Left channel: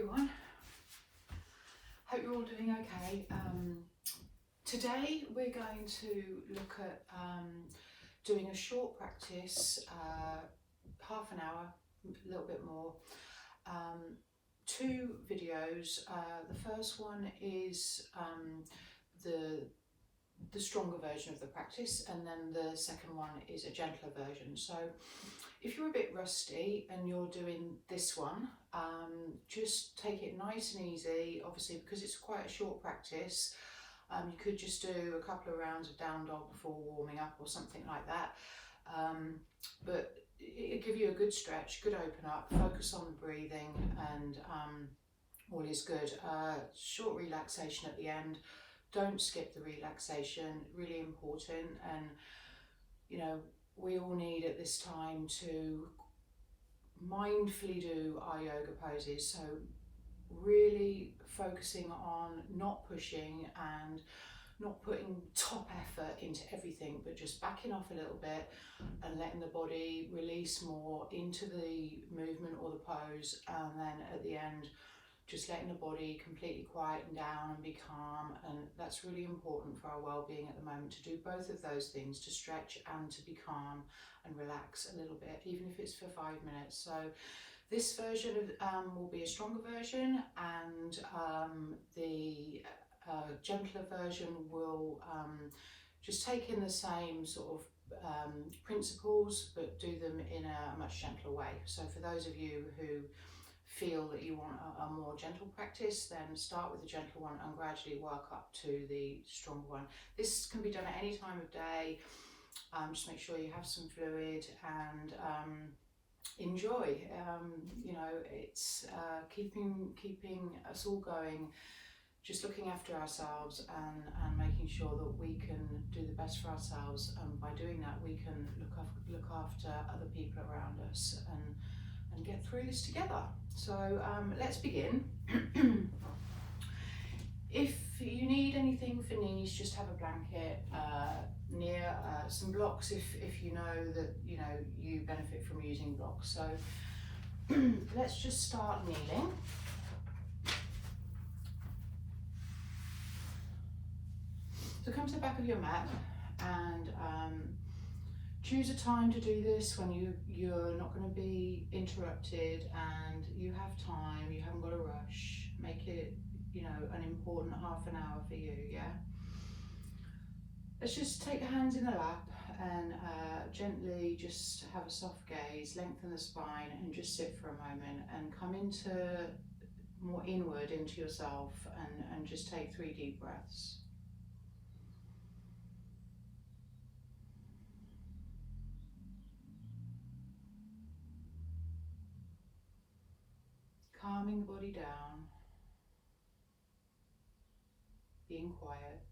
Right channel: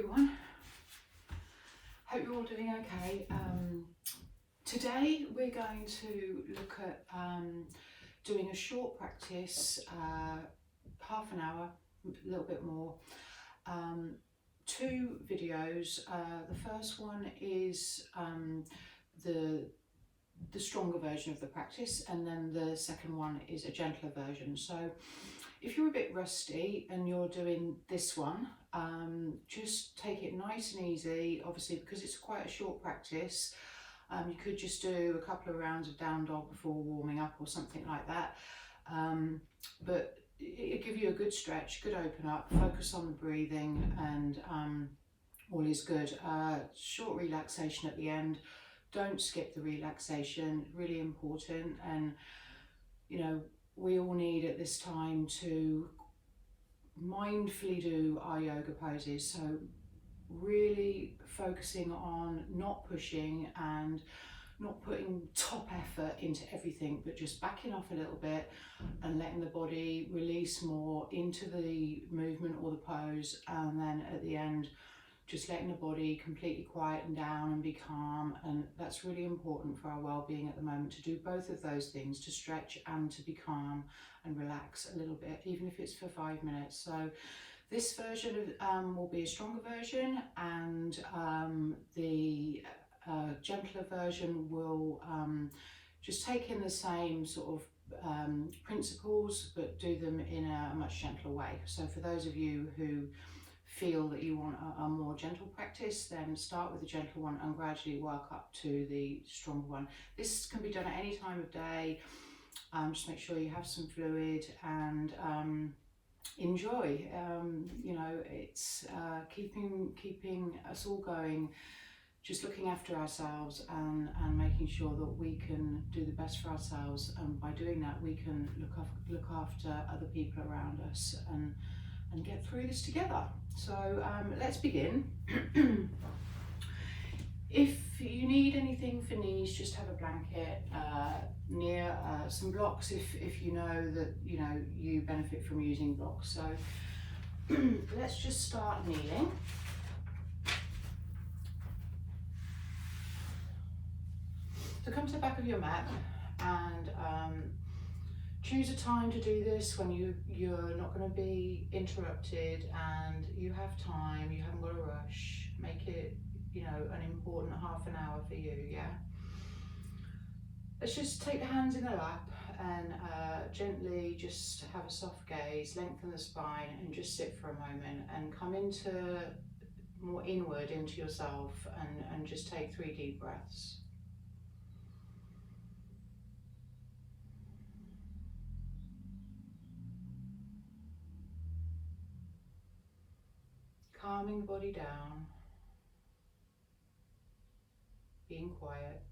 everyone. Hope you're all doing okay. Today we're going to look at doing a short practice, half an hour, a little bit more. Two videos. The first one is the stronger version of the practice, and then the second one is a gentler version. So if you're a bit rusty and you're doing this one, just take it nice and easy. Obviously, because it's quite a short practice, you could just do a couple of rounds of down dog before warming up or something like that. But it'll give you a good stretch, good open up, focus on the breathing, and all is good. Short relaxation at the end. Don't skip the relaxation, really important. And you know, we all need at this time to mindfully do our yoga poses. So really focusing on not pushing and not putting top effort into everything, but just backing off a little bit and letting the body release more into the movement or the pose. And then at the end, just letting the body completely quieten down and be calm. And that's really important for our well-being at the moment, to do both of those things, to stretch and to be calm and relax a little bit, even if it's for 5 minutes. So this version will be a stronger version, and the gentler version will just take in the same sort of principles, but do them in a much gentler way. So for those of you who feel that you want a more gentle practice, then start with the gentle one and gradually work up to the stronger one. This can be done at any time of day. Just make sure you have some fluid and enjoy. You know, it's keeping us all going, just looking after ourselves and making sure that we can do the best for ourselves. And by doing that, we can look after other people around us and get through this together. So let's begin. If you need anything for knees, just have a blanket near, some blocks if you know that you benefit from using blocks. So let's just start kneeling. So come to the back of your mat and choose a time to do this when you're not going to be interrupted and you have time, you haven't got to rush. Make it, an important half an hour for you, yeah? Let's just take the hands in the lap and gently just have a soft gaze, lengthen the spine and just sit for a moment and come into more inward into yourself and just take 3 deep breaths. Calming the body down, being quiet,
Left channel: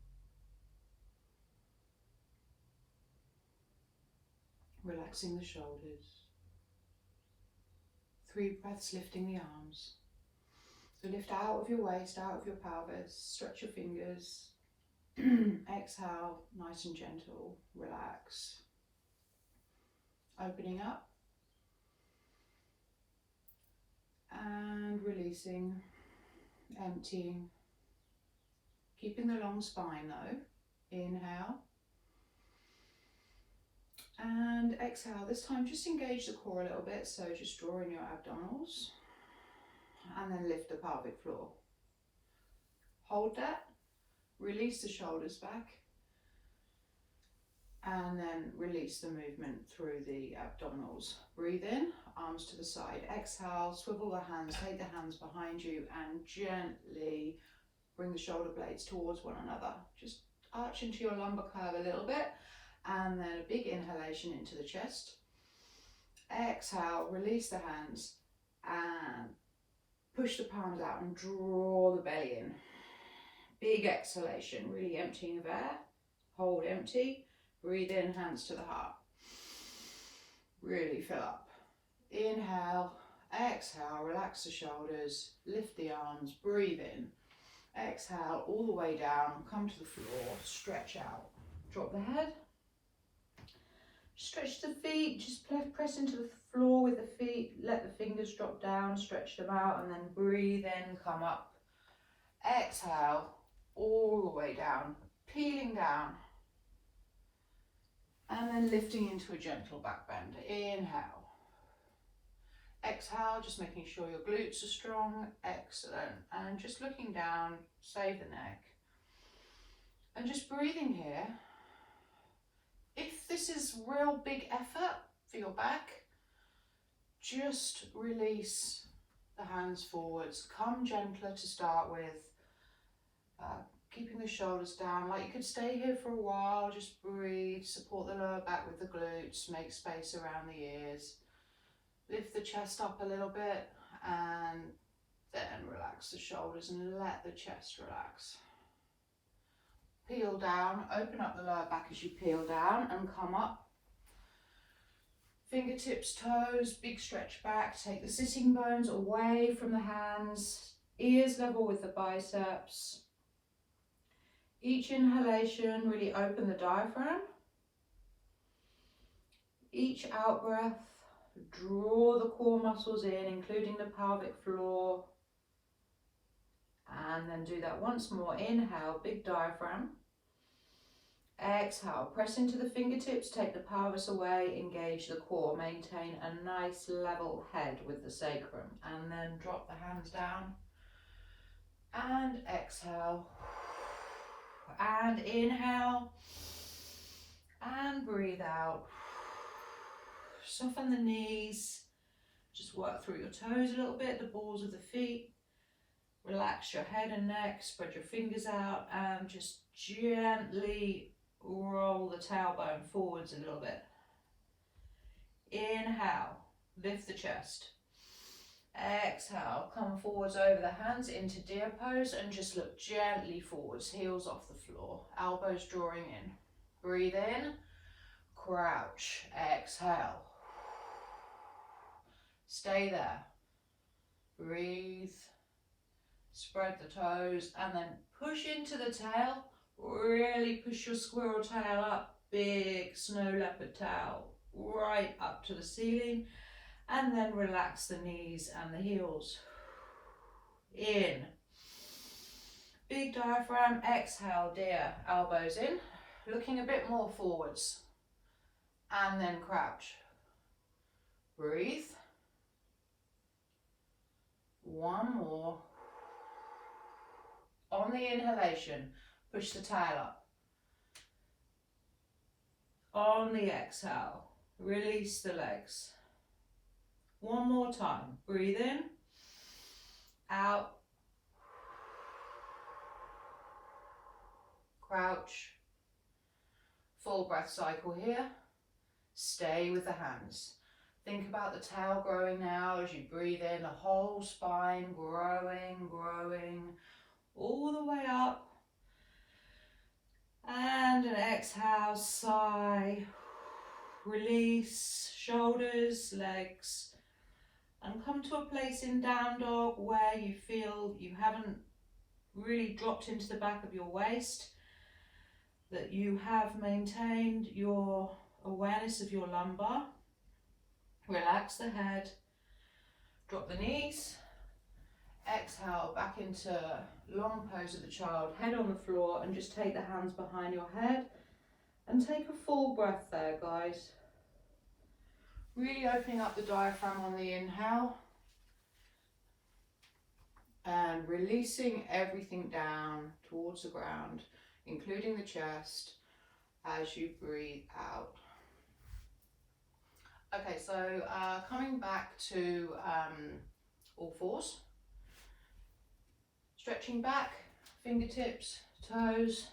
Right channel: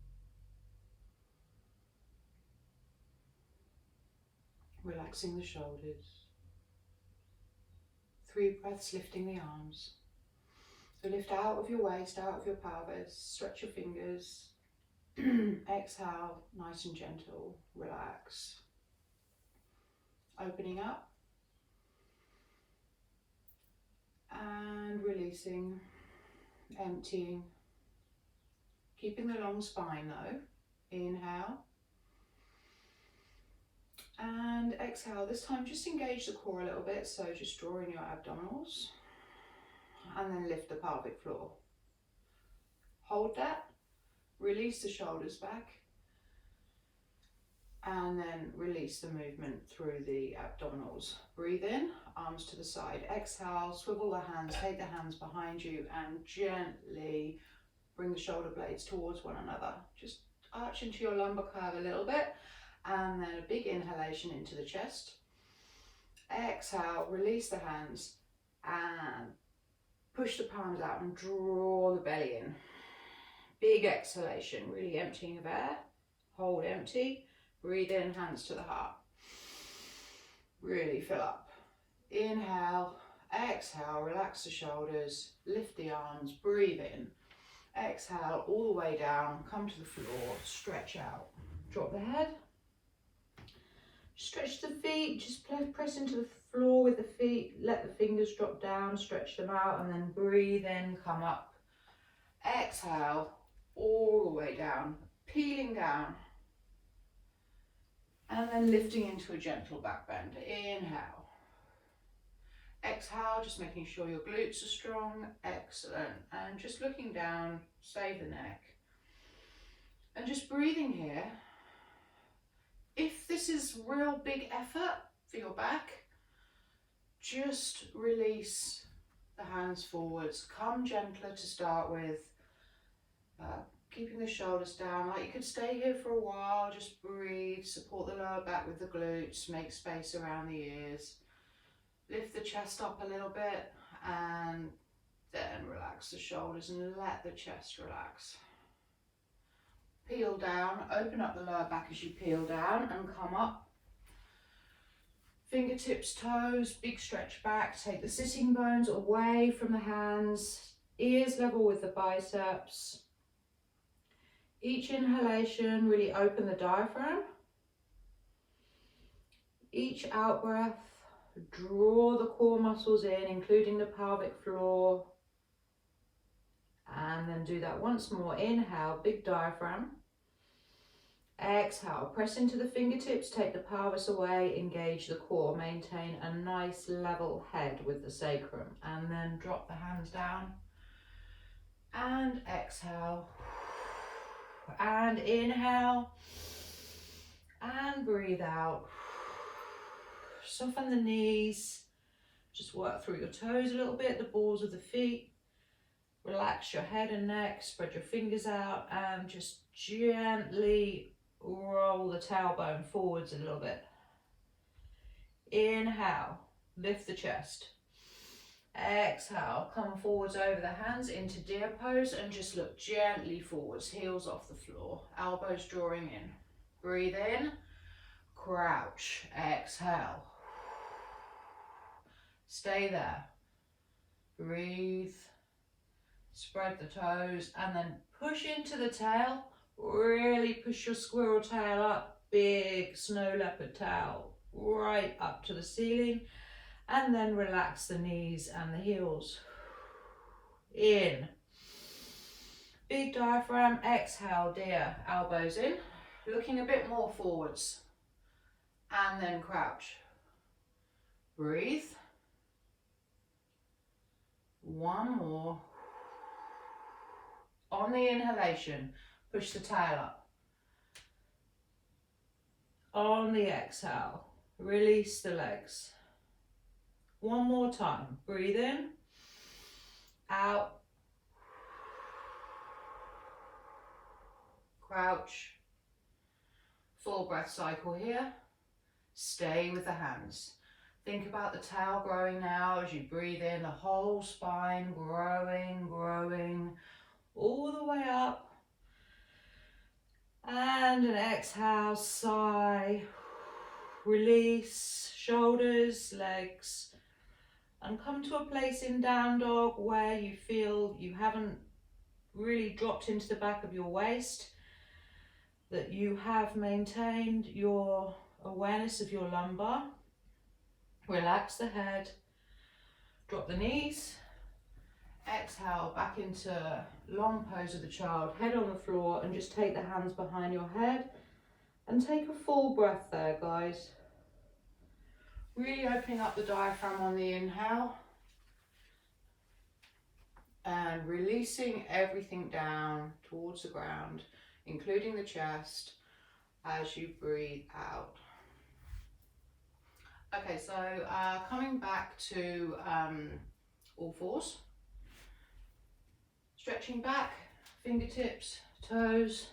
relaxing the shoulders. 3 breaths, lifting the arms. So lift out of your waist, out of your pelvis, stretch your fingers. Exhale, nice and gentle, relax. Opening up. And releasing, emptying, keeping the long spine though. Inhale and exhale. This time just engage the core a little bit, so just draw in your abdominals and then lift the pelvic floor. Hold that, release the shoulders back and then release the movement through the abdominals. Breathe in, arms to the side. Exhale, swivel the hands, take the hands behind you and gently bring the shoulder blades towards one another. Just arch into your lumbar curve a little bit and then a big inhalation into the chest. Exhale, release the hands and push the palms out and draw the belly in. Big exhalation, really emptying of air. Hold empty. Breathe in, hands to the heart. Really fill up. Inhale, exhale, relax the shoulders, lift the arms, breathe in. Exhale all the way down, come to the floor, stretch out. Drop the head. Stretch the feet, just press into the floor with the feet, let the fingers drop down, stretch them out, and then breathe in, come up. Exhale, all the way down, peeling down. And then lifting into a gentle back bend. Inhale. Exhale, just making sure your glutes are strong. Excellent. And just looking down, save the neck. And just breathing here. If this is real big effort for your back, just release the hands forwards. Come gentler to start with. Keeping the shoulders down, like you could stay here for a while, just breathe, support the lower back with the glutes, make space around the ears. Lift the chest up a little bit and then relax the shoulders and let the chest relax. Peel down, open up the lower back as you peel down and come up. Fingertips, toes, big stretch back, take the sitting bones away from the hands, ears level with the biceps. Each inhalation, really open the diaphragm. Each out breath, draw the core muscles in, including the pelvic floor. And then do that once more. Inhale, big diaphragm. Exhale, press into the fingertips, take the pelvis away, engage the core. Maintain a nice level head with the sacrum. And then drop the hands down. And exhale. And inhale and breathe out. Soften the knees, just work through your toes a little bit, the balls of the feet. Relax your head and neck, spread your fingers out and just gently roll the tailbone forwards a little bit. Inhale, lift the chest. Exhale, come forwards over the hands into deer pose and just look gently forwards, heels off the floor, elbows drawing in. Breathe in, crouch, exhale. Stay there. Breathe, spread the toes and then push into the tail. Really push your squirrel tail up, big snow leopard tail, right up to the ceiling. And then relax the knees and the heels. In. Big diaphragm, exhale, deer, elbows in. Looking a bit more forwards. And then crouch. Breathe. One more. On the inhalation, push the tail up. On the exhale, release the legs. One more time. Breathe in, out, crouch, full breath cycle here. Stay with the hands. Think about the tail growing now as you breathe in, the whole spine growing, growing, all the way up. And an exhale, sigh, release, shoulders, legs. And come to a place in down dog where you feel you haven't really dropped into the back of your waist, that you have maintained your awareness of your lumbar. Relax the head, drop the knees, exhale back into long pose of the child, head on the floor, and just take the hands behind your head and take a full breath there, guys. Really opening up the diaphragm on the inhale and releasing everything down towards the ground, including the chest, as you breathe out. Okay, so coming back to all fours, stretching back, fingertips, toes,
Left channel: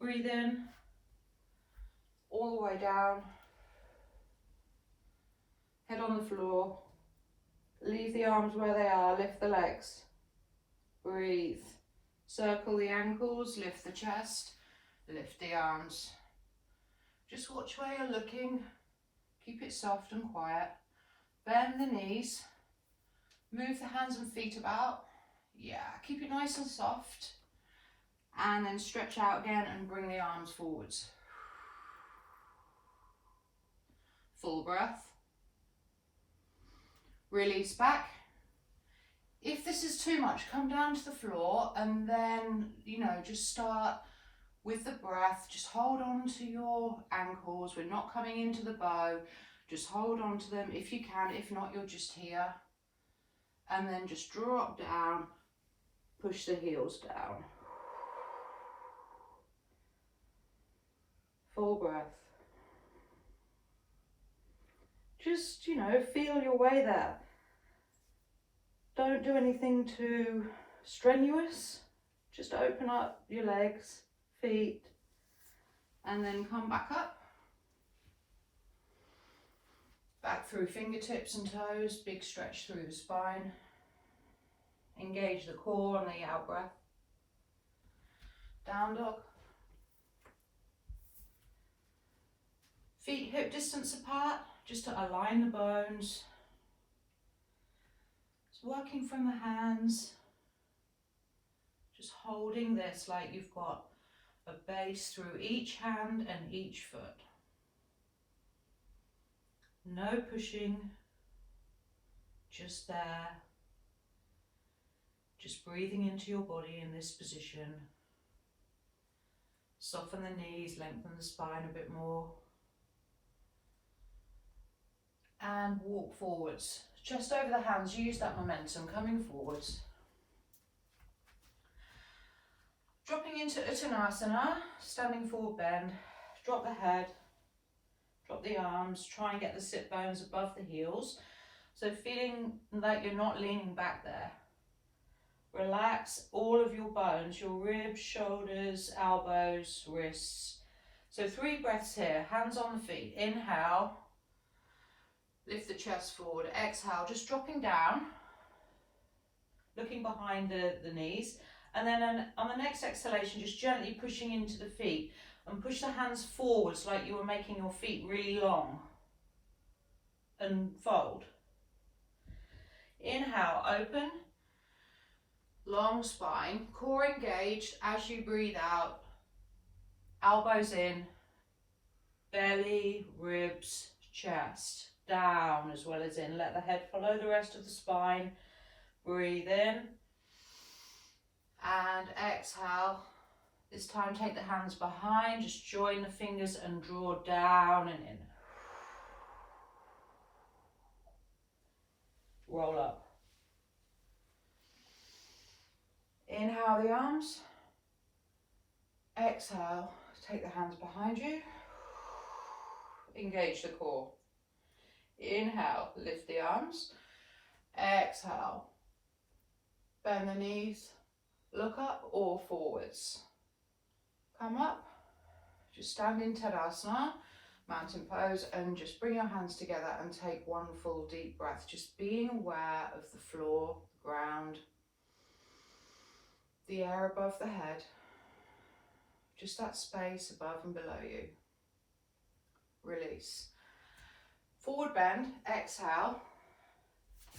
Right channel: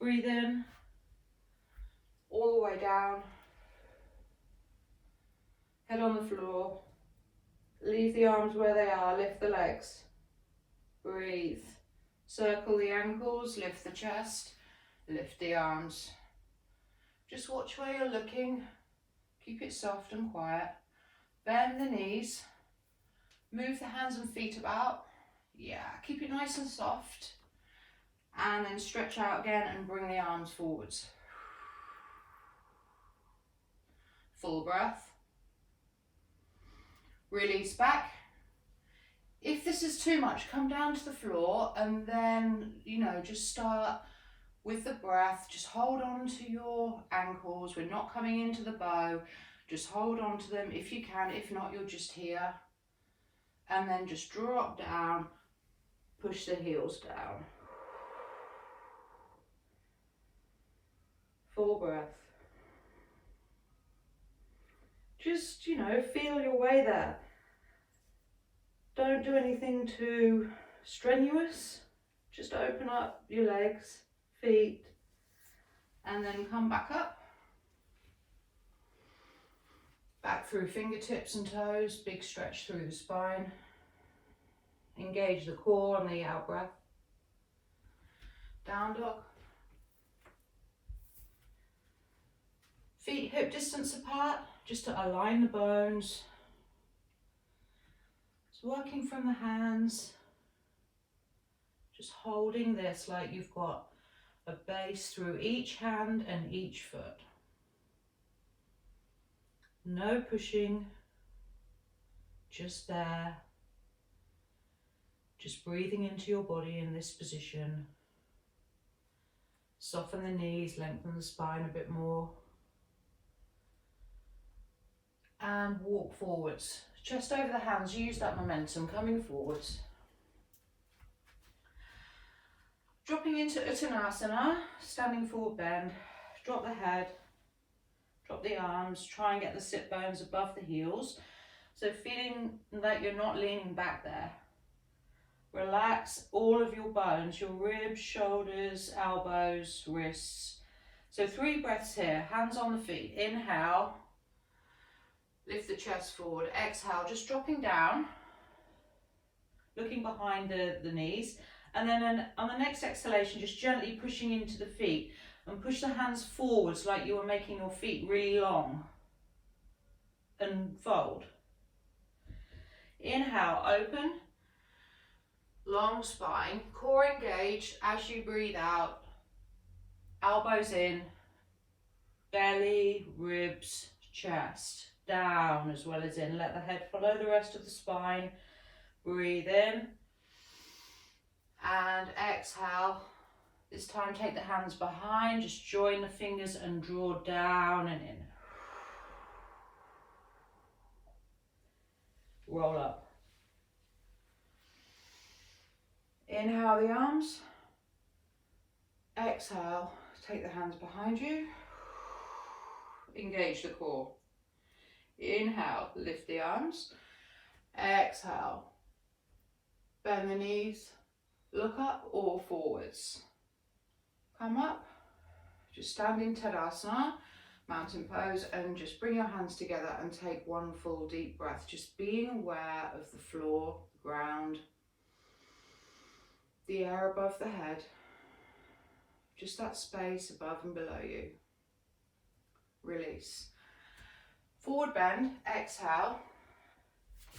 breathe in, all the way down, head on the floor, leave the arms where they are, lift the legs, breathe, circle the ankles, lift the chest, lift the arms. Just watch where you're looking, keep it soft and quiet, bend the knees, move the hands and feet about, yeah, keep it nice and soft, and then stretch out again and bring the arms forwards. Full breath. Release back. If this is too much, come down to the floor and then, you know, just start with the breath. Just hold on to your ankles. We're not coming into the bow. Just hold on to them if you can. If not, you're just here. And then just drop down, push the heels down. Full breath. Just, you know, feel your way there. Don't do anything too strenuous. Just open up your legs, feet, and then come back up. Back through fingertips and toes, big stretch through the spine. Engage the core on the out breath. Down dog. Feet hip distance apart, just to align the bones. So working from the hands, just holding this like you've got a base through each hand and each foot. No pushing, just there. Just breathing into your body in this position. Soften the knees, lengthen the spine a bit more. And walk forwards. Chest over the hands, use that momentum coming forwards. Dropping into Uttanasana, standing forward bend. Drop the head, drop the arms, try and get the sit bones above the heels. So feeling like you're not leaning back there. Relax all of your bones, your ribs, shoulders, elbows, wrists. So 3 breaths here, hands on the feet. Inhale, lift the chest forward. Exhale, just dropping down, looking behind the knees. And then on the next exhalation, just gently pushing into the feet and push the hands forwards like you were making your feet really long. And fold. Inhale, open. Long spine, core engaged as you breathe out. Elbows in, belly, ribs, chest, down as well as in. Let the head follow the rest of the spine. Breathe in and exhale. This time take the hands behind, just join the fingers and draw down and in. Roll up. Inhale the arms. Exhale, take the hands behind you. Engage the core. Inhale, lift the arms. Exhale, bend the knees. Look up or forwards. Come up, just stand in Tadasana, mountain pose, and just bring your hands together and take one full deep breath. Just being aware of the floor, the ground, the air above the head, just that space above and below you. Release. Forward bend, exhale.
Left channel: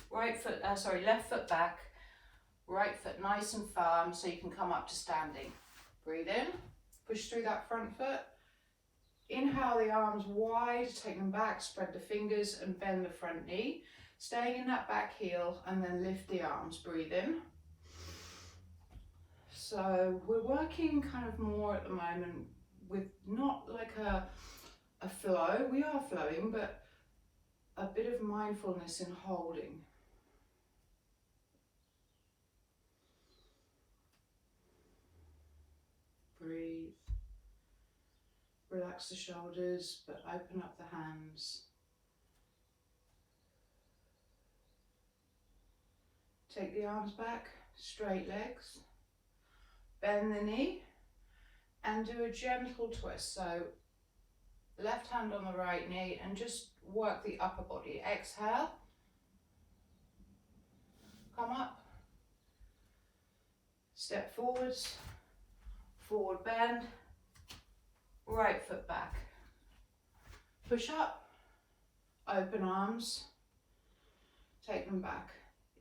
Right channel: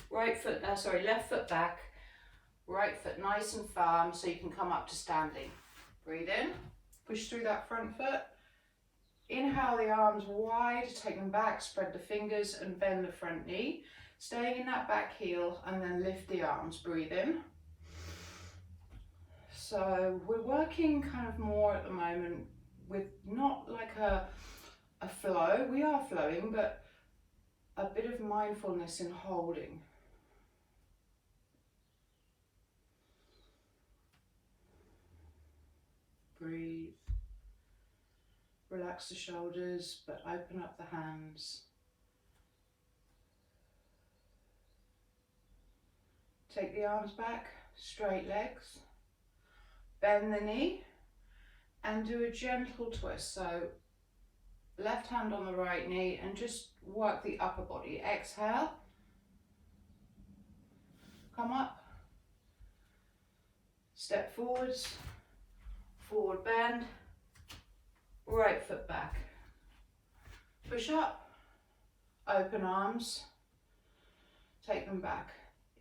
Left foot back, right foot nice and firm so you can come up to standing. Breathe in, push through that front foot. Inhale the arms wide, take them back, spread the fingers and bend the front knee. Staying in that back heel and then lift the arms, breathe in. So we're working kind of more at the moment with not like a flow, we are flowing, but a bit of mindfulness in holding. Breathe. Relax the shoulders, but open up the hands. Take the arms back, straight legs. Bend the knee and do a gentle twist. So left hand on the right knee and just work the upper body. Exhale. Come up. Step forwards. Forward bend. Right foot back. Push up. Open arms. Take them back.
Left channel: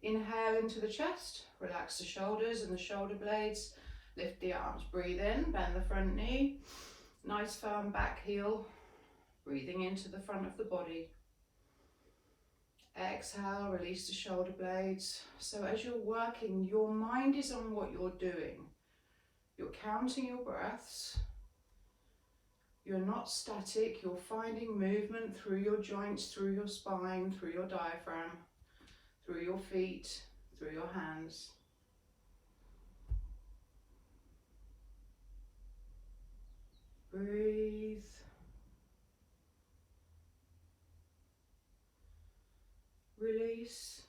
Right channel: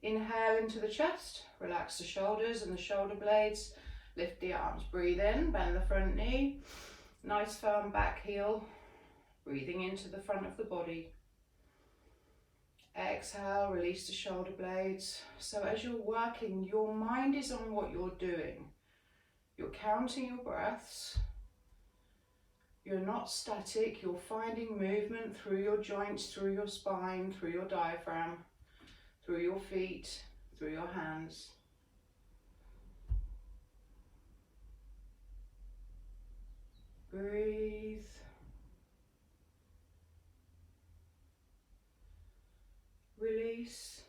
Inhale into the chest. Relax the shoulders and the shoulder blades. Lift the arms, breathe in, bend the front knee, nice firm back heel, Breathing into the front of the body. Exhale, release the shoulder blades. So as you're working, your mind is on what you're doing. You're counting your breaths. You're not static, you're finding movement through your joints, through your spine, through your diaphragm, through your feet, through your hands. Breathe. Release.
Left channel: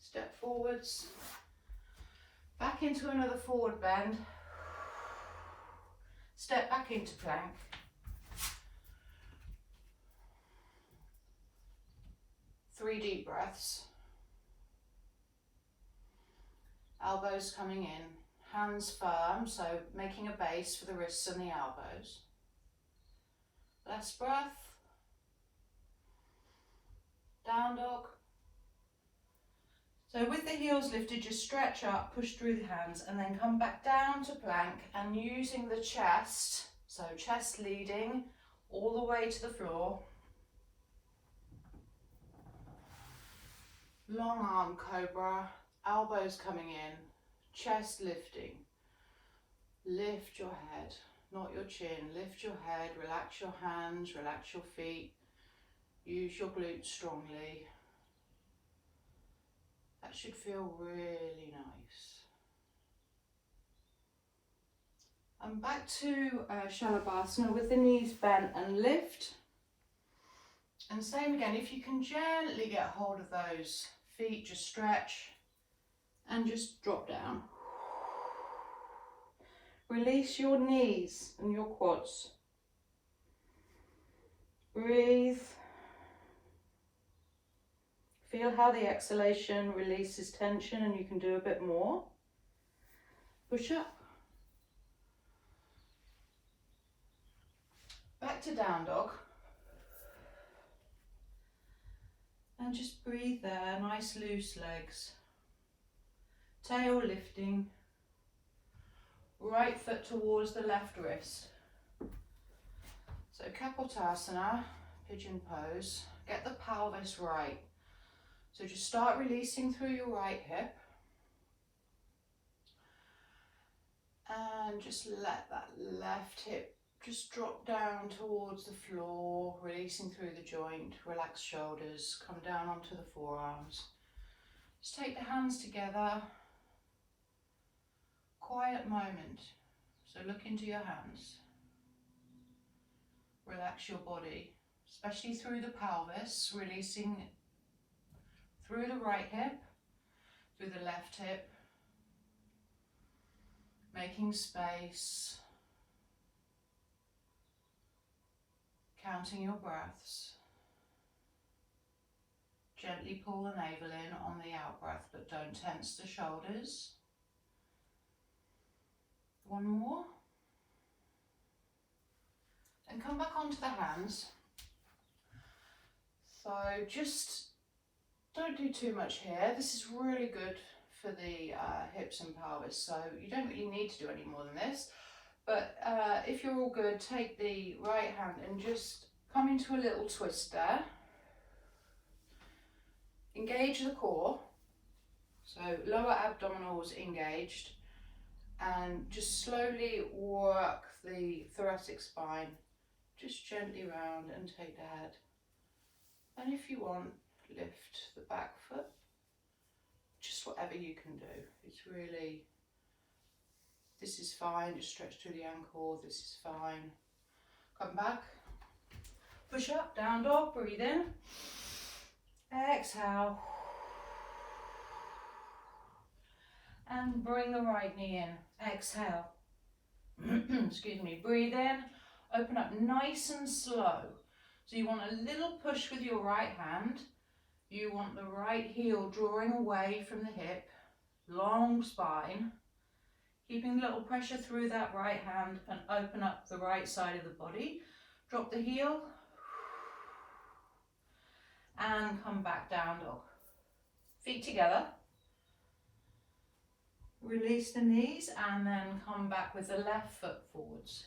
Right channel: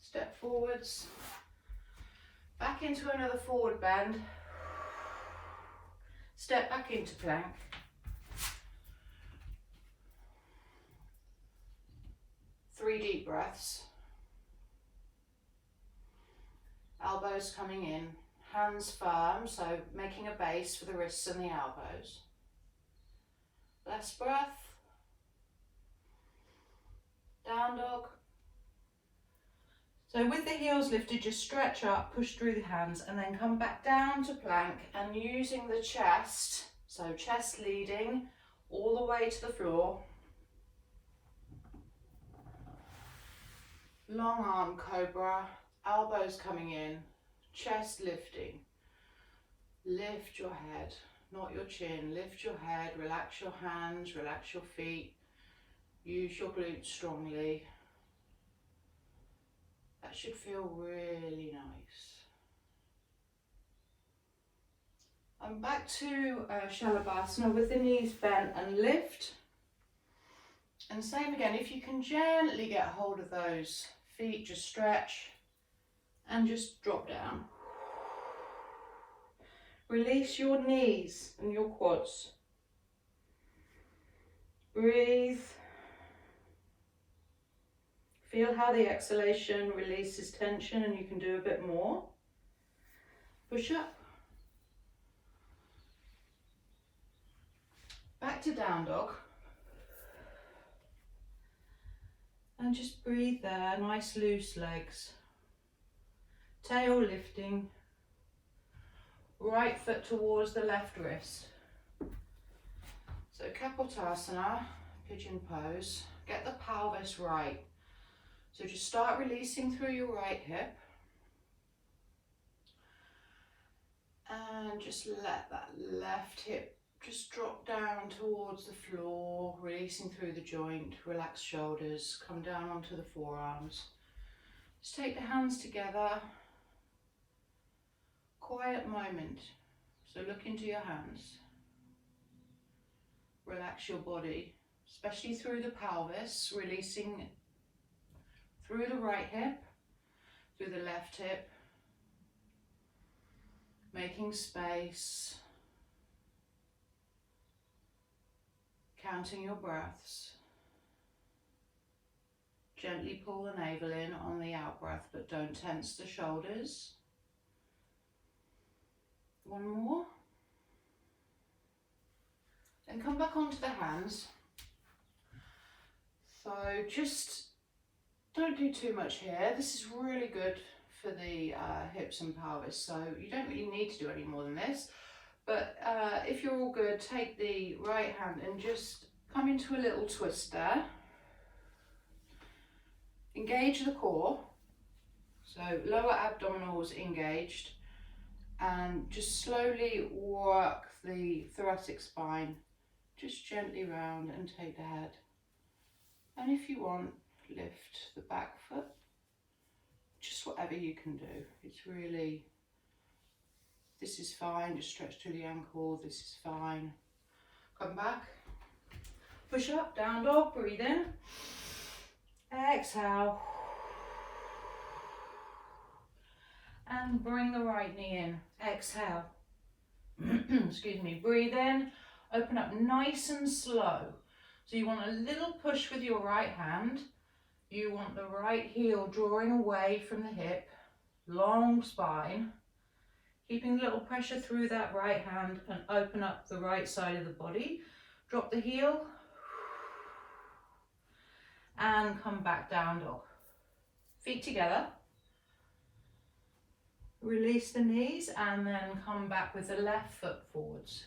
Step forwards. Back into another forward bend. Step back into plank. Three deep breaths. Elbows coming in. Hands firm, so making a base for the wrists and the elbows. Last breath. Down dog. So with the heels lifted, just stretch up, push through the hands, and then come back down to plank, and using the chest, so chest leading all the way to the floor. Long arm cobra, elbows coming in, chest lifting. Lift your head, not your chin. Lift your head, relax your hands, relax your feet. Use your glutes strongly. That should feel really nice. And back to Shalabhasana with the knees bent and lift. And same again, if you can gently get hold of those feet, just stretch and just drop down. Release your knees and your quads. Breathe. Feel how the exhalation releases tension, and you can do a bit more. Push up. Back to down dog. And just breathe there, nice loose legs. Tail lifting. Right foot towards the left wrist. So Kapotasana, pigeon pose. Get the pelvis right. So just start releasing through your right hip. And just let that left hip just drop down towards the floor, releasing through the joint. Relax shoulders, come down onto the forearms. Just take the hands together. Quiet moment. So look into your hands. Relax your body, especially through the pelvis, releasing through the right hip, through the left hip, making space, counting your breaths. Gently pull the navel in on the out breath, but don't tense the shoulders. One more. And come back onto the hands. So just don't do too much here. This is really good for the hips and pelvis, so you don't really need to do any more than this. But if you're all good, take the right hand and just come into a little twist there. Engage the core, so lower abdominals engaged, and just slowly work the thoracic spine, just gently round and take the head. And if you want, lift the back foot, just whatever you can do. It's really, this is fine, just stretch through the ankle, this is fine. Come back, push up, down dog, breathe in, exhale, and bring the right knee in, exhale, excuse me, breathe in, open up nice and slow. So you want a little push with your right hand. You want the right heel drawing away from the hip, long spine, keeping a little pressure through that right hand and open up the right side of the body. Drop the heel and come back down dog. Feet together. Release the knees and then come back with the left foot forwards.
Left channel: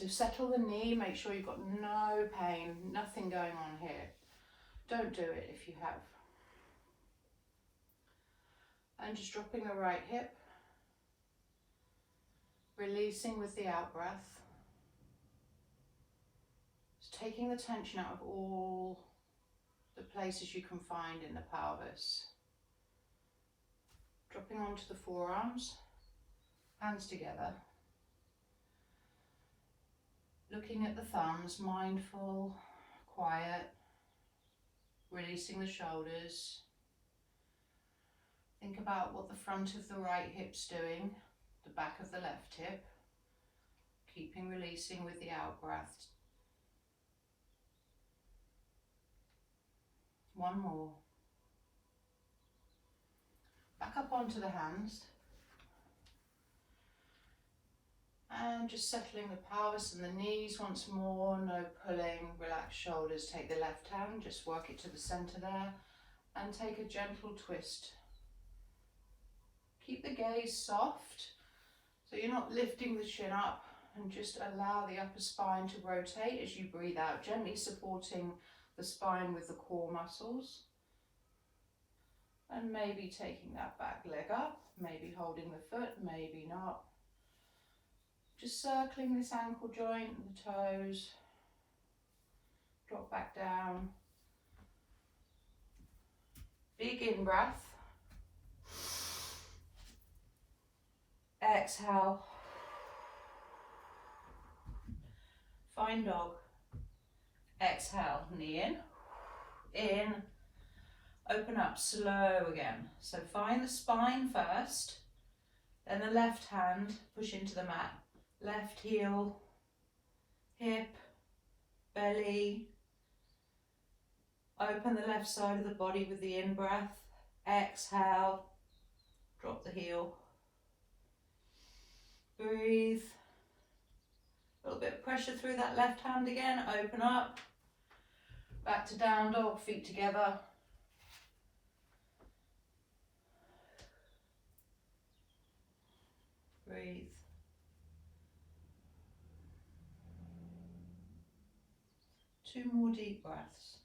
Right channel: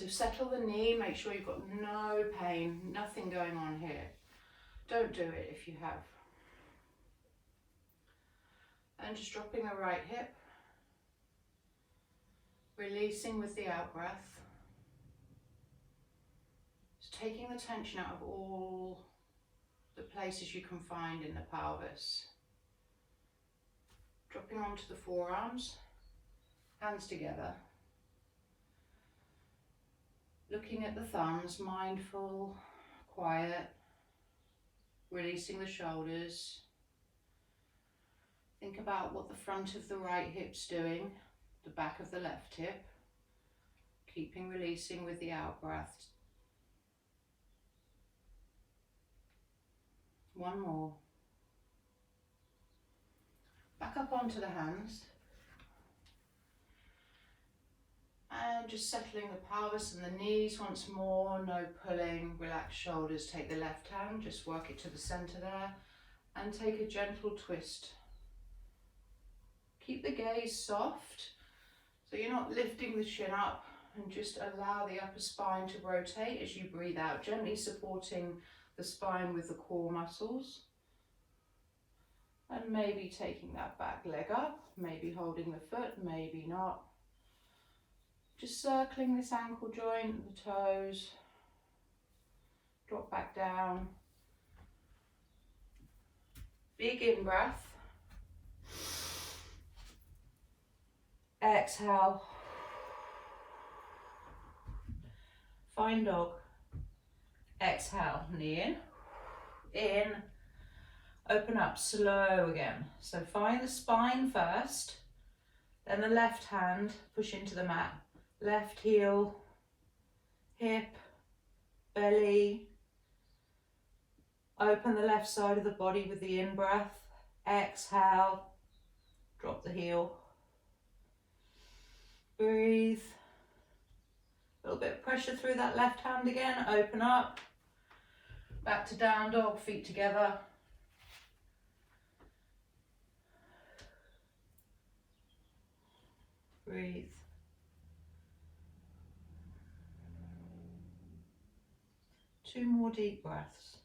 So settle the knee, make sure you've got no pain, nothing going on here. Don't do it if you have. And just dropping the right hip, releasing with the out breath. Just taking the tension out of all the places you can find in the pelvis. Dropping onto the forearms, hands together. Looking at the thumbs, mindful, quiet, releasing the shoulders. Think about what the front of the right hip's doing, the back of the left hip. Keeping releasing with the out breath. One more. Back up onto the hands. And just settling the pelvis and the knees once more, no pulling, relax shoulders. Take the left hand, just work it to the center there, and take a gentle twist. Keep the gaze soft, so you're not lifting the chin up, and just allow the upper spine to rotate as you breathe out, gently supporting the spine with the core muscles. And maybe taking that back leg up, maybe holding the foot, maybe not. Just circling this ankle joint, the toes, drop back down. Big in breath. Exhale. Fine dog. Exhale, knee in, open up, slow again. So find the spine first, then the left hand, push into the mat. Left heel, hip, belly. Open the left side of the body with the in-breath. Exhale, drop the heel. Breathe. A little bit of pressure through that left hand again. Open up. Back to down dog, feet together. Breathe. Two more deep breaths.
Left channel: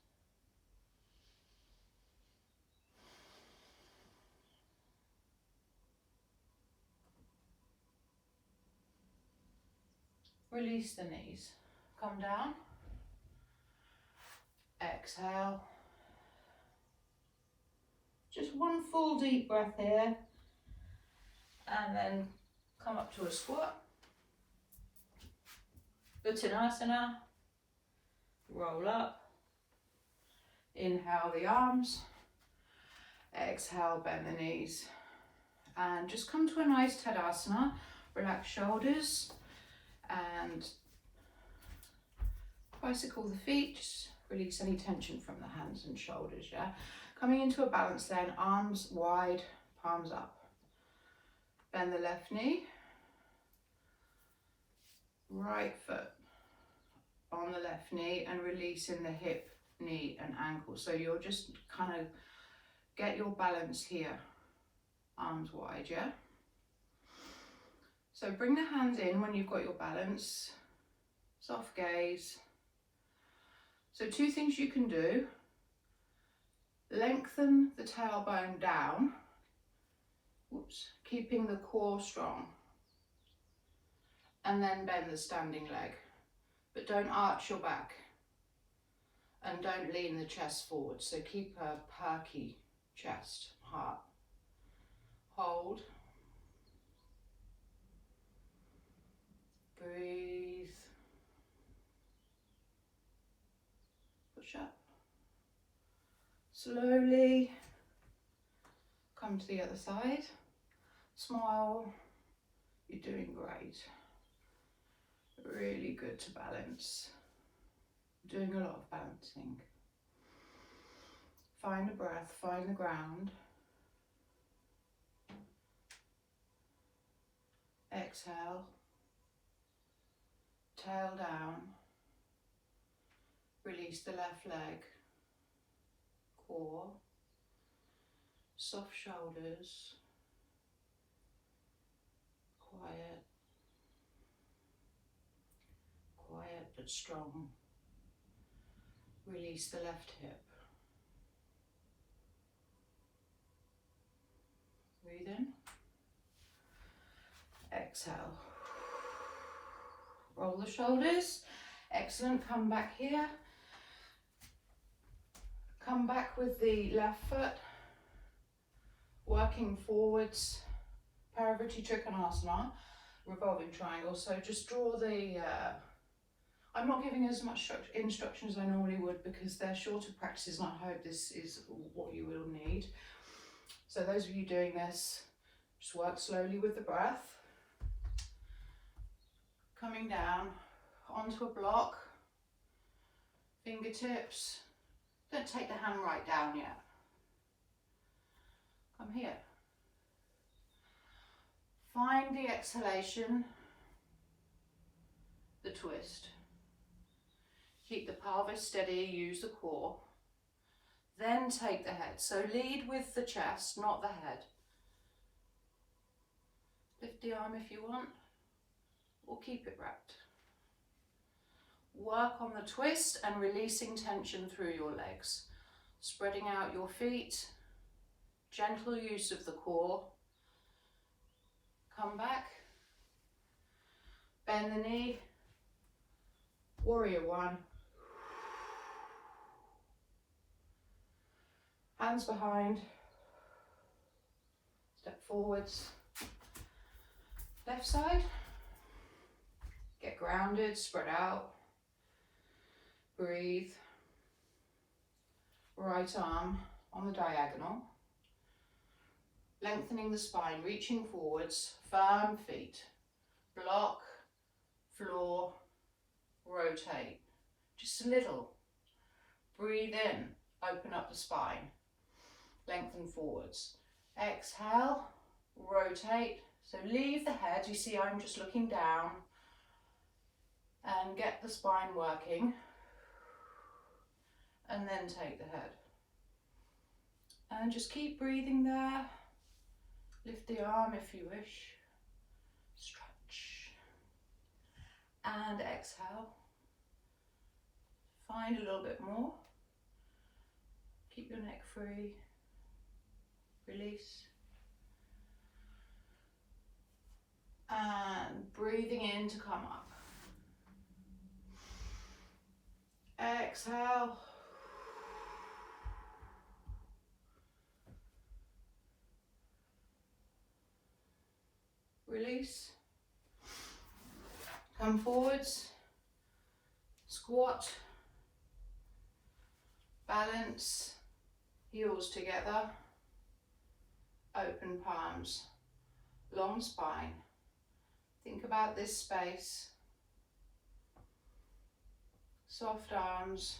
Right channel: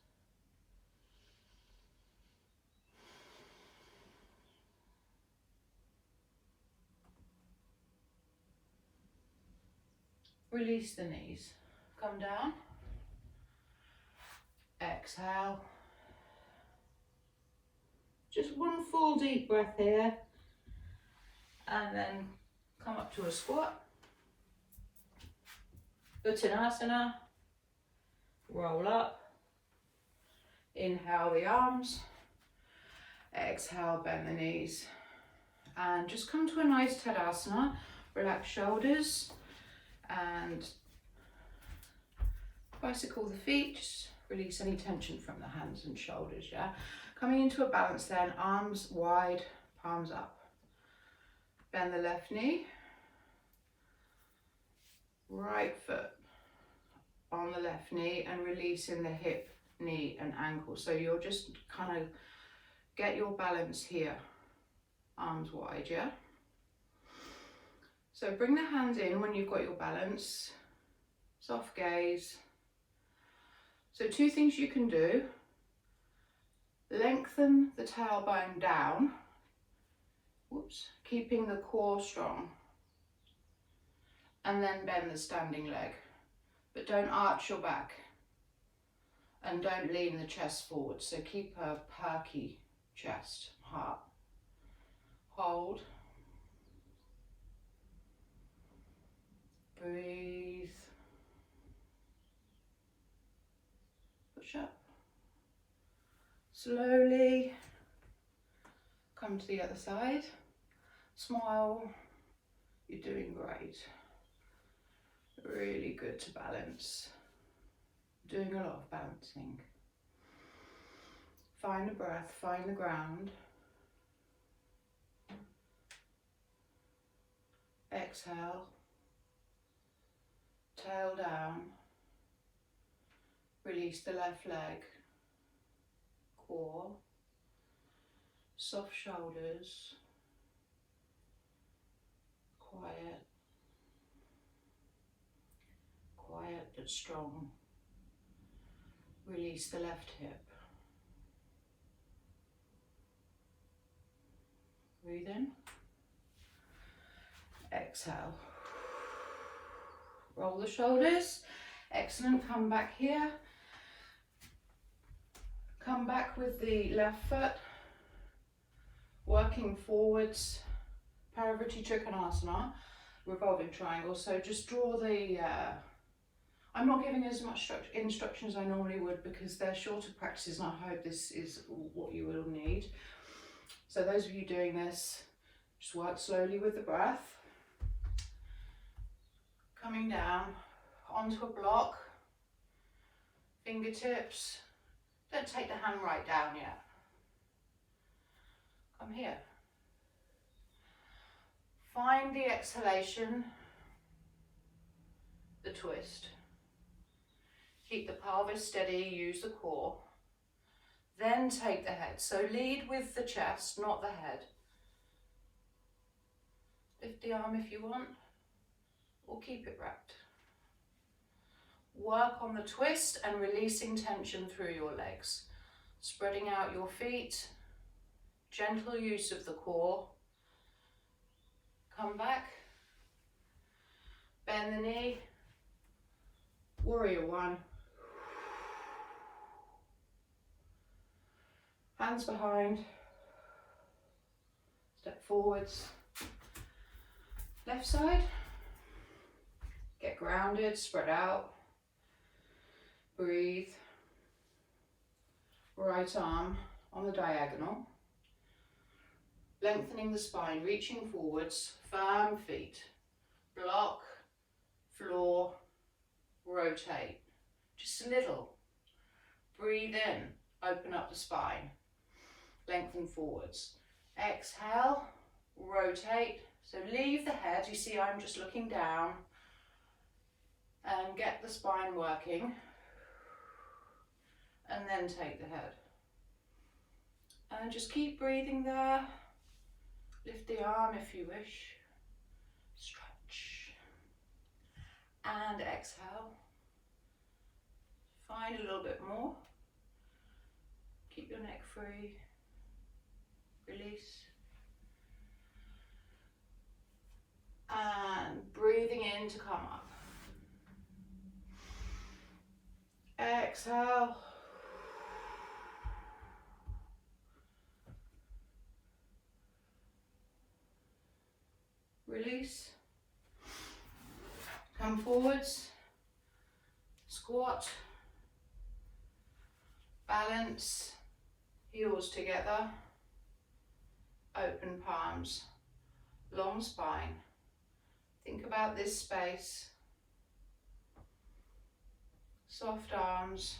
Release the knees. Come down. Exhale. Just one full deep breath here. And then come up to a squat. Uttanasana. Roll up. Inhale the arms. Exhale, bend the knees. And just come to a nice Tadasana. Relax shoulders. And bicycle the feet. Just release any tension from the hands and shoulders, yeah? Coming into a balance then, arms wide, palms up. Bend the left knee. Right foot on the left knee and releasing the hip, knee and ankle. So you'll just kind of get your balance here. Arms wide, yeah? So bring the hands in when you've got your balance. Soft gaze. So two things you can do. Lengthen the tailbone down. Whoops. Keeping the core strong. And then bend the standing leg. But don't arch your back. And don't lean the chest forward. So keep a perky chest, heart. Hold. Breathe. Push up. Slowly come to the other side. Smile. You're doing great. Really good to balance. Doing a lot of balancing. Find the breath, find the ground. Exhale. Tail down. Release the left leg. Core. Soft shoulders. Quiet. that's strong. Release the left hip. Breathe in. Exhale. Roll the shoulders. Excellent. Come back here. Come back with the left foot. Working forwards. Parivriti Trikonasana. Revolving triangle. So just draw the... I'm not giving as much instruction as I normally would because they're shorter practices, and I hope this is what you will need. So those of you doing this, just work slowly with the breath. Coming down onto a block, fingertips. Don't take the hand right down yet. Come here. Find the exhalation, the twist. Keep the pelvis steady, use the core. Then take the head. So lead with the chest, not the head. Lift the arm if you want, or keep it wrapped. Work on the twist and releasing tension through your legs. Spreading out your feet. Gentle use of the core. Come back. Bend the knee. Warrior one. Hands behind. Step forwards. Left side. Get grounded, spread out. Breathe. Right arm on the diagonal. Lengthening the spine, reaching forwards. Firm feet. Block, floor, rotate. Just a little. Breathe in, open up the spine. Lengthen forwards. Exhale, rotate. So leave the head, you see I'm just looking down, and get the spine working, and then take the head. And just keep breathing there. Lift the arm if you wish. Stretch. And exhale. Find a little bit more. Keep your neck free. Release. And breathing in to come up. Exhale. Release. Come forwards. Squat. Balance. Heels together. Open palms. Long spine. Think about this space. Soft arms.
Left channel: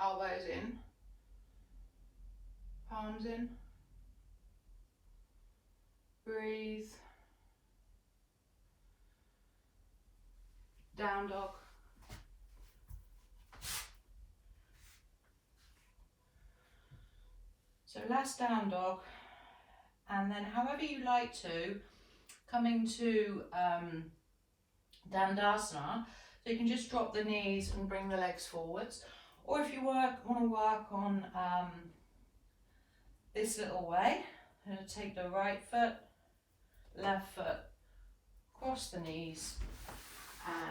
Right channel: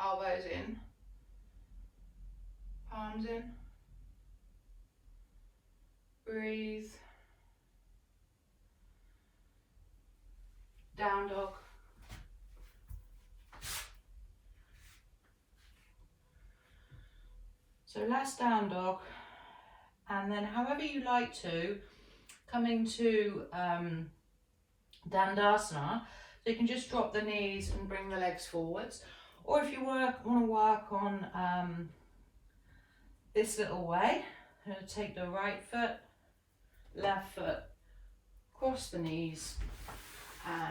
Elbows in. Palms in. Breathe. Down dog. So last down dog, and then however you like to, coming to Dandasana, so you can just drop the knees and bring the legs forwards, or if you want to work on this little way, I'm going to take the right foot, left foot, cross the knees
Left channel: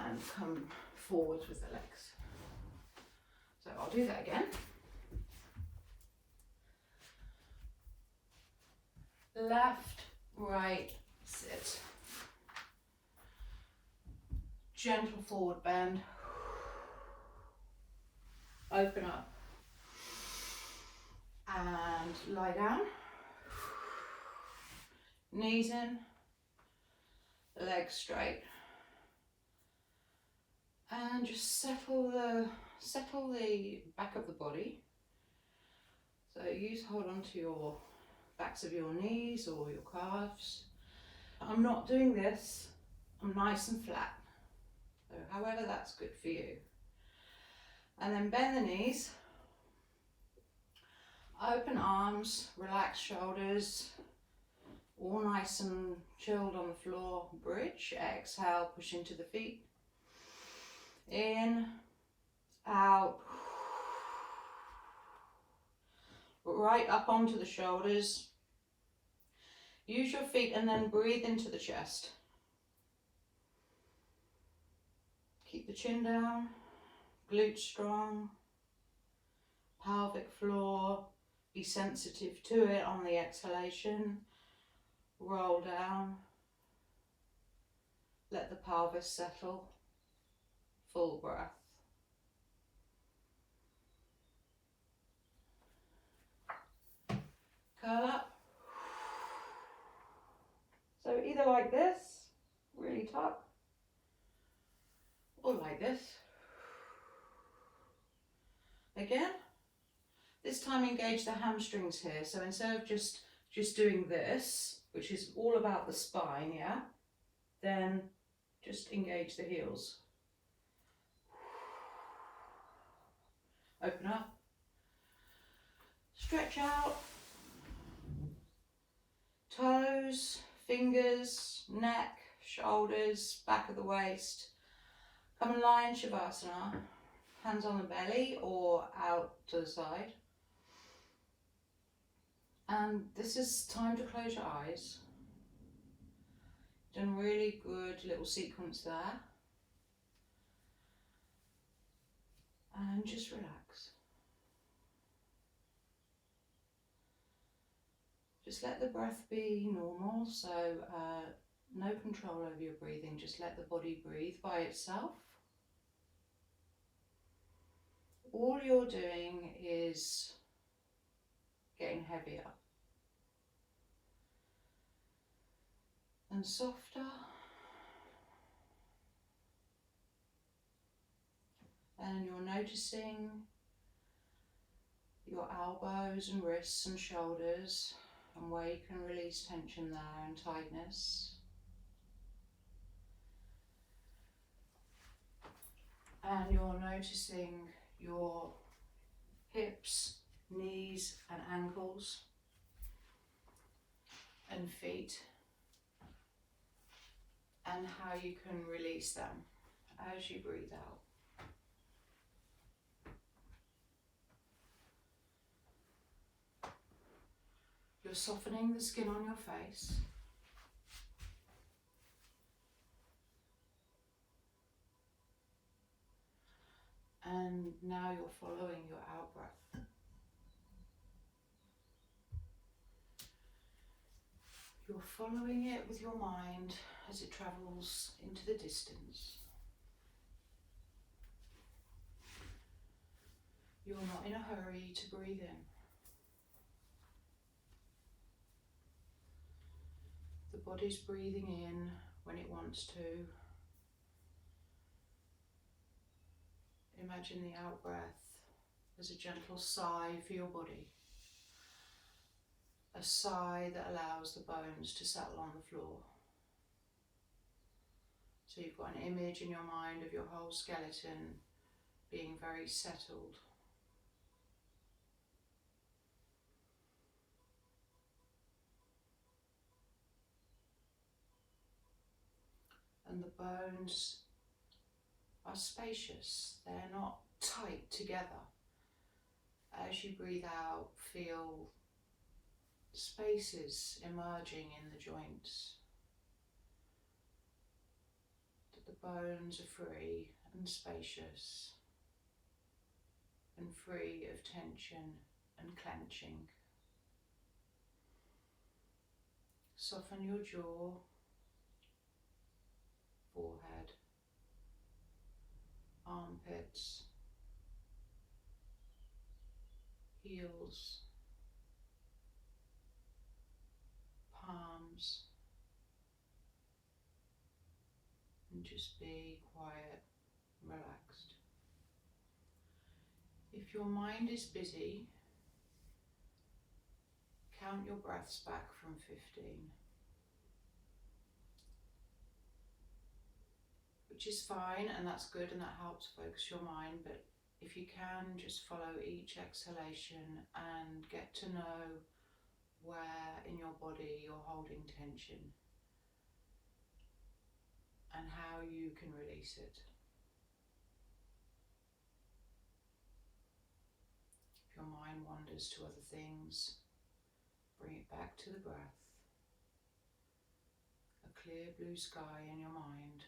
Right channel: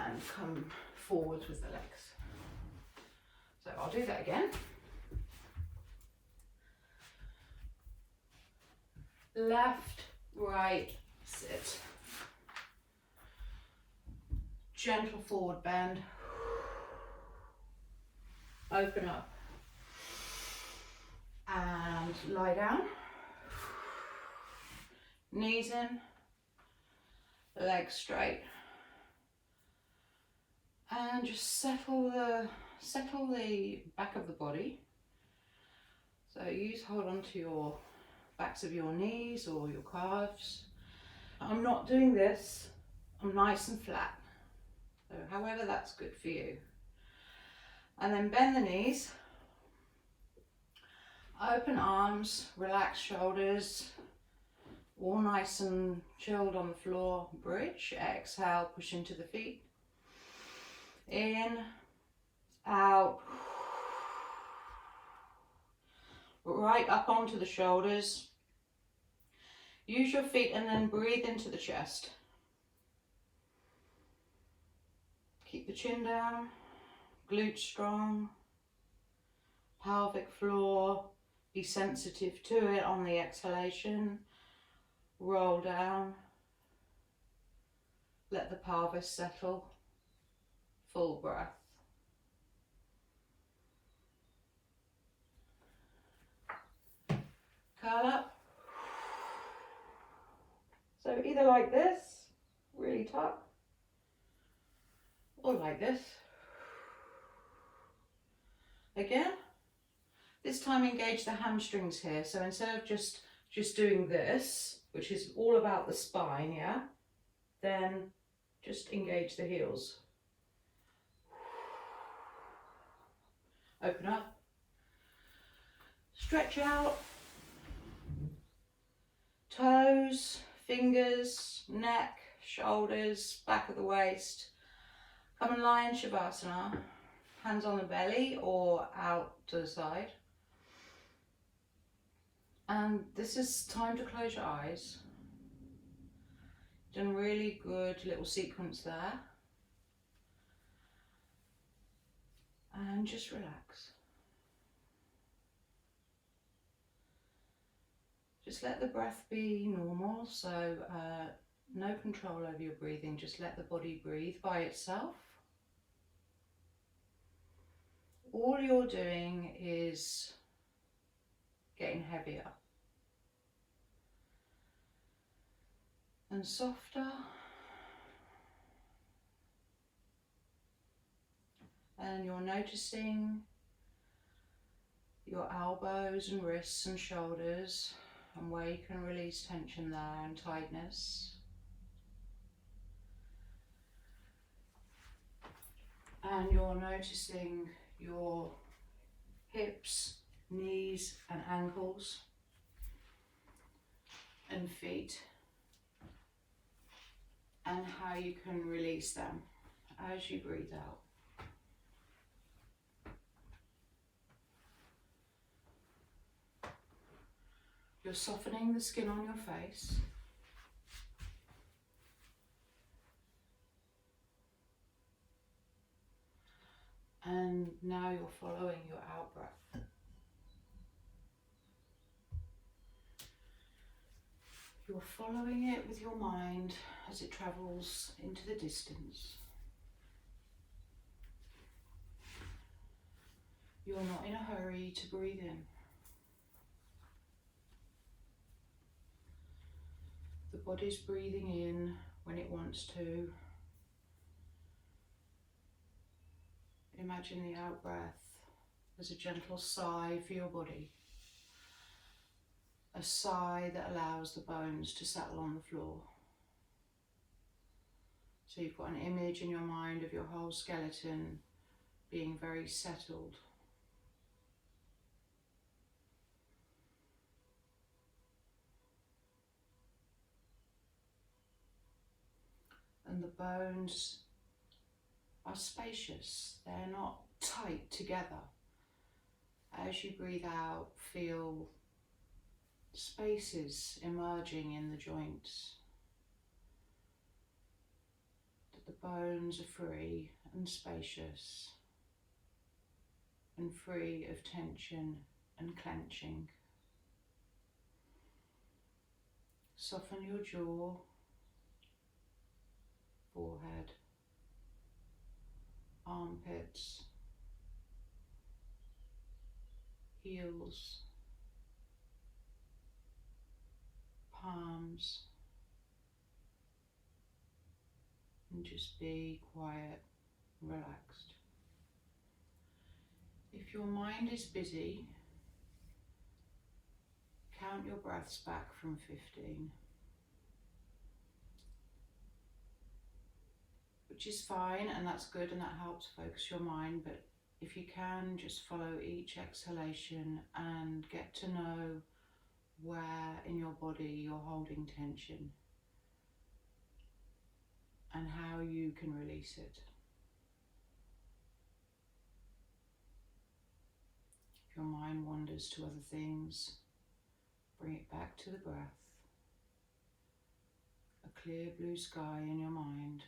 and come forwards with the legs. So I'll do that again. Left, right, sit. Gentle forward bend. Open up. And lie down. Knees in. Legs straight. And just settle the back of the body. So hold on to your backs of your knees or your calves. I'm not doing this. I'm nice and flat. So however that's good for you. And then bend the knees. Open arms, relax shoulders. All nice and chilled on the floor. Bridge. Exhale, push into the feet. In, out, right up onto the shoulders. Use your feet and then breathe into the chest. Keep the chin down, glutes strong, pelvic floor, be sensitive to it on the exhalation. Roll down, let the pelvis settle, full breath. Curl up. So either like this, really tuck, or like this. Again, this time engage the hamstrings here. So instead of just doing this, which is all about the spine, yeah, then just engage the heels. Open up, stretch out, toes, fingers, neck, shoulders, back of the waist. Come and lie in Shavasana, hands on the belly or out to the side. And this is time to close your eyes. Done really good little sequence there. And just relax. Just let the breath be normal, so no control over your breathing, just let the body breathe by itself. All you're doing is getting heavier and softer, and you're noticing your elbows and wrists and shoulders and where you can release tension there and tightness. And you're noticing your hips, knees and ankles and feet, and how you can release them as you breathe out. You're softening the skin on your face. And now you're following your out breath. You're following it with your mind as it travels into the distance. You're not in a hurry to breathe in. The body's breathing in when it wants to. Imagine the out breath as a gentle sigh for your body. A sigh that allows the bones to settle on the floor. So you've got an image in your mind of your whole skeleton being very settled. And the bones are spacious, they're not tight together. As you breathe out, feel spaces emerging in the joints. That the bones are free and spacious and free of tension and clenching. Soften your jaw, forehead, armpits, heels, palms, and just be quiet, relaxed. If your mind is busy, count your breaths back from 15. Which is fine, and that's good, and that helps focus your mind, but if you can, just follow each exhalation and get to know where in your body you're holding tension and how you can release it. your mind wanders to other things, bring it back to the breath. A clear blue sky in your mind.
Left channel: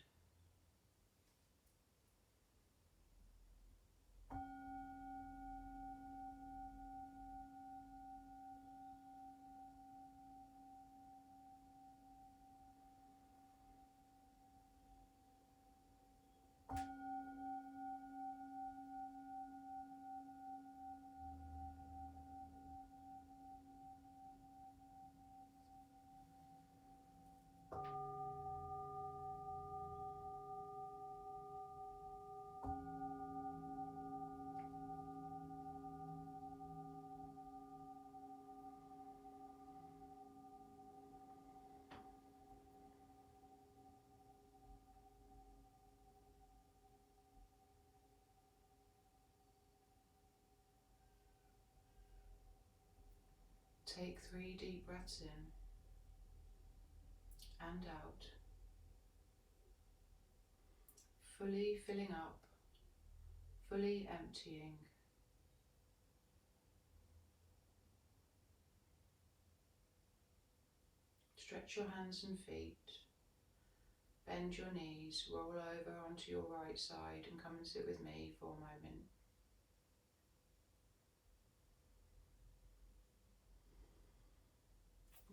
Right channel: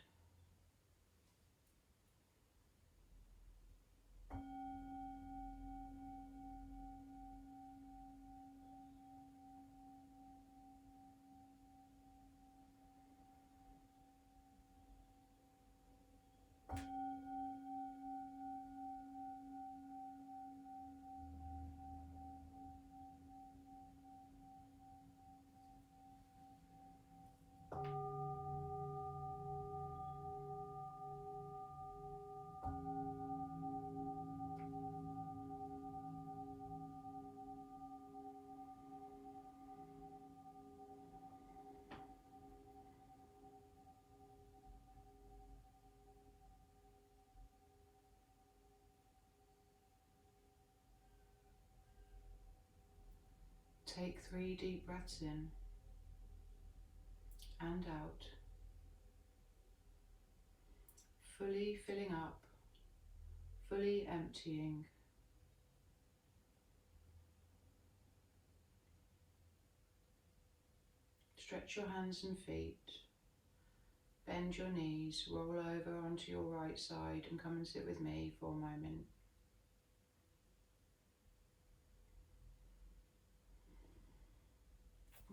Take 3 deep breaths in and out, fully filling up, fully emptying. Stretch your hands and feet, bend your knees, roll over onto your right side and come and sit with me for a moment.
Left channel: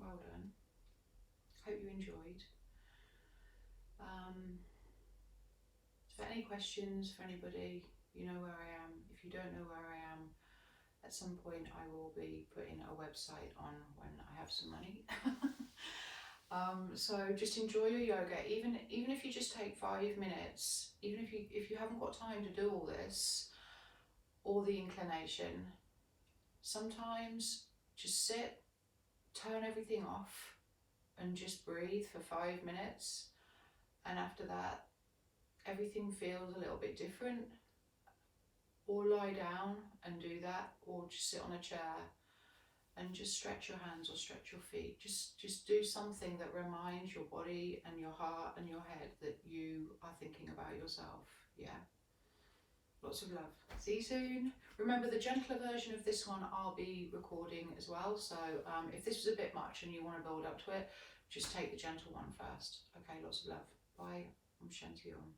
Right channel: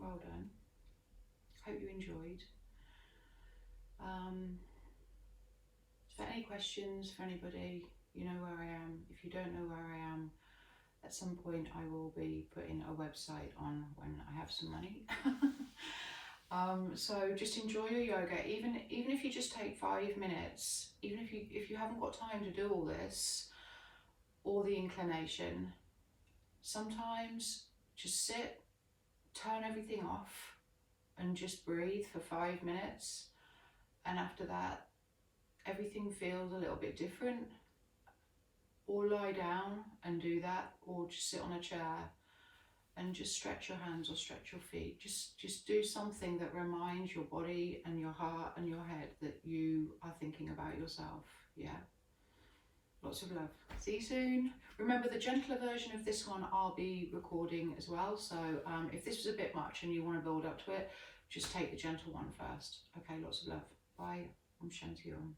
Well done. Hope you enjoyed. For any questions for anybody, you know where I am. If you don't know where I am, at some point I will be putting a website on when I have some money. So just enjoy your yoga, even if you just take 5 minutes, even if you haven't got time to do all this or the inclination, sometimes just sit, turn everything off and just breathe for 5 minutes, and after that everything feels a little bit different. Or lie down and do that, or just sit on a chair and just stretch your hands or stretch your feet. Just do something that reminds your body and your heart and your head that you are thinking about yourself. Yeah. Lots of love. See you soon. Remember, the gentler version of this one I'll be recording as well. So if this was a bit much and you want to build up to it, just take the gentle one first. Okay, lots of love. Bye. Om Shanti Om.